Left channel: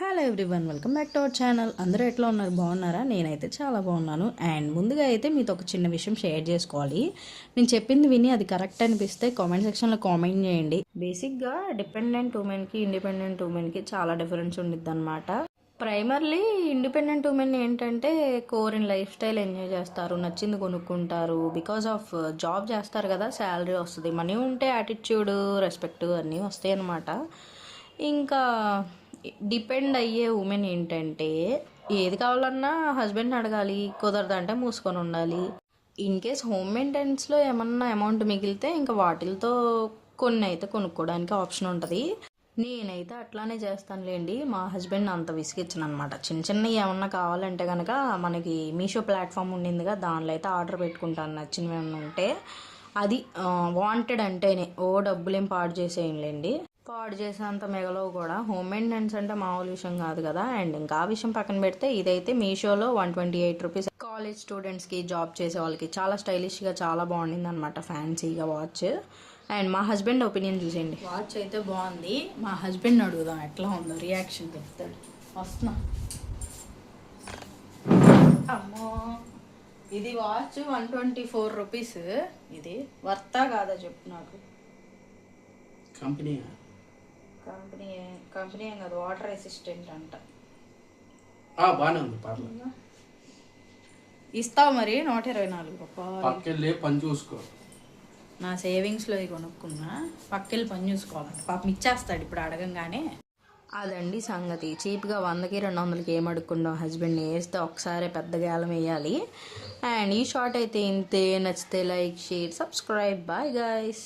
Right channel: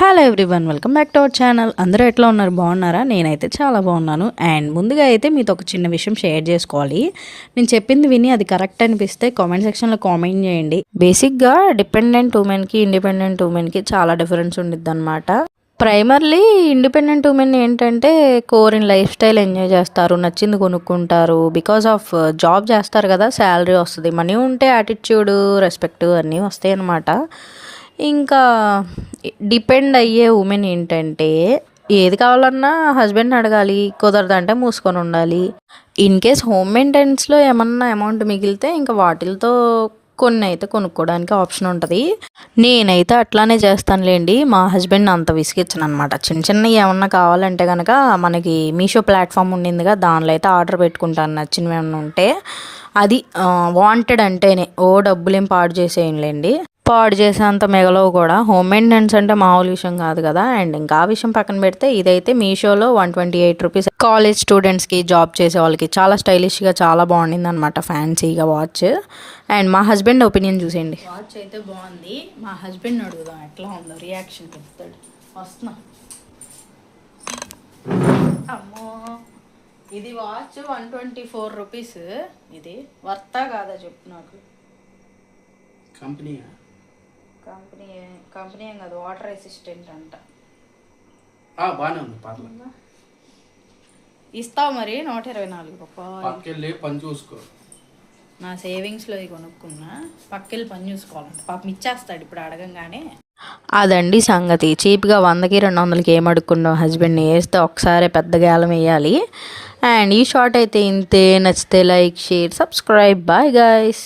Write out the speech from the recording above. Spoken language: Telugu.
Hello everyone, welcome back to our channel. అందరూ ఎట్లా ఉన్నారు? బాగున్నారా? నేనైతే చాలా బాగున్నాను. అండ్ ముందుగా అయితే మీతో ఒక చిన్న విషయం షేర్ చేసుకోవాలి. నేను చెప్పింది విని అది కరెక్ట్ అనిపిస్తే కామెంట్ సెక్షన్లో కామెంట్ చేయండి. బేసిక్గా డిపెండెంట్ ఉమెన్కి ఇండిపెండెంట్ ఉమెన్కి చాలా డిఫరెన్స్ ఉండిద్ది అనమాట. ప్రైమర్లీ ఇండిపెండెంట్ ఉమెన్ ఏంటంటే core in life style enjoy చేస్తారు, నచ్చింది కొనుక్కుంటారు. బికాస్ ఆఫ్ జాబ్ చేస్తారు కదా, శాలరీ వస్తుంది, మనీ ఉంటే యాటిట్యూడ్, రెస్పెక్ట్ అన్నీ వస్తాయి అన్నమాట. ఇంకా డిపెండ్ అయ్యే ఉమెన్ ఏంటంటే ఏది కావాలన్నా హస్బెండ్ని అడగాలి, కుదరదంటే మూసుకొని ఉండాలి. ఇన్ కేస్ హోమ్ మెయింటెనెన్స్లో ఏమన్నా అమౌంట్ మిగిలితే ఇంకా వాటిలతో కొన్ని అయితే కొనుక్కోవడానికి ఆప్షన్ ఉంటుంది. నేనైతే అట్లానే చేస్తానులేండి. మా హస్బెండ్ అంత విసిగించను అనమాట. చిన్న చిన్నవి ఏమన్నా కావాలంటే కనుక మనకి మీషో ప్లాట్ఫామ్ ఉండిందిగా, దానిలో అయితే ఆర్డర్ పెట్టుకుంటాను నచ్చినవి ఏమన్నా ఉంటే. అది వాంటెడ్ అంటేనే డబ్బులేం పాడు చేసేయంలేండి. పాడు చేసేంత మిగలవు కూడా. హోమ్ మెయింటెనెన్స్ అంటే మామూలు విషయం కాదు కదా. అండ్ ఇంకా ఆ విషయం పక్కన పెడితే ఇదైతే మీషోలో 128 రూపీస్. కాలేజ్ స్టూడెంట్స్కి, జాబ్ చేసే వాళ్ళకి చాలా స్టైలిష్గా, చాలా బాగుండింది అనమాట, ఫ్యాన్సీగా వాచ్. అండ్ మా హస్బెండ్ ఒపీనియన్ చూసేయండి. వాచ్ అయితే బాగుంది. మా హస్బెండ్ అడుగుదాం ఎట్లా ఉందో, రియాక్షన్ చెప్తాడు. వస్తున్నా. అమ్మో, ఇది వాచ్ 124 రూపీస్. ఇది వర్తా కాదా చెప్పు నాకు. కంపెనీ ఏం కాదు, వాటర్ రెసిస్టెంట్ అంట. బాగానే ఉంది, పర్లేదు. ఇస్తావు మరి 124 రూపాయలు. పక్కకెళ్ళి పని చూసుకో. నా సేవింగ్స్లో ఇది కొనుక్కున్నా. పక్కెళ్ళి పని చూసుకోవాలంట. పాపం ఇచ్చేస్తాడు ఇప్పుడు అడగంగానే. అదండి సంగతి. చీప్గా 100కి 200కి ఏం అడుక్కున్నాం. హస్బెండ్ని వేస్తే ఒకసారి పెద్ద గేలం వేయాలి. అండ్ ఈ షార్ట్ అయితే ఇంతే. నచ్చితే like, share, subscribe. Bye guys.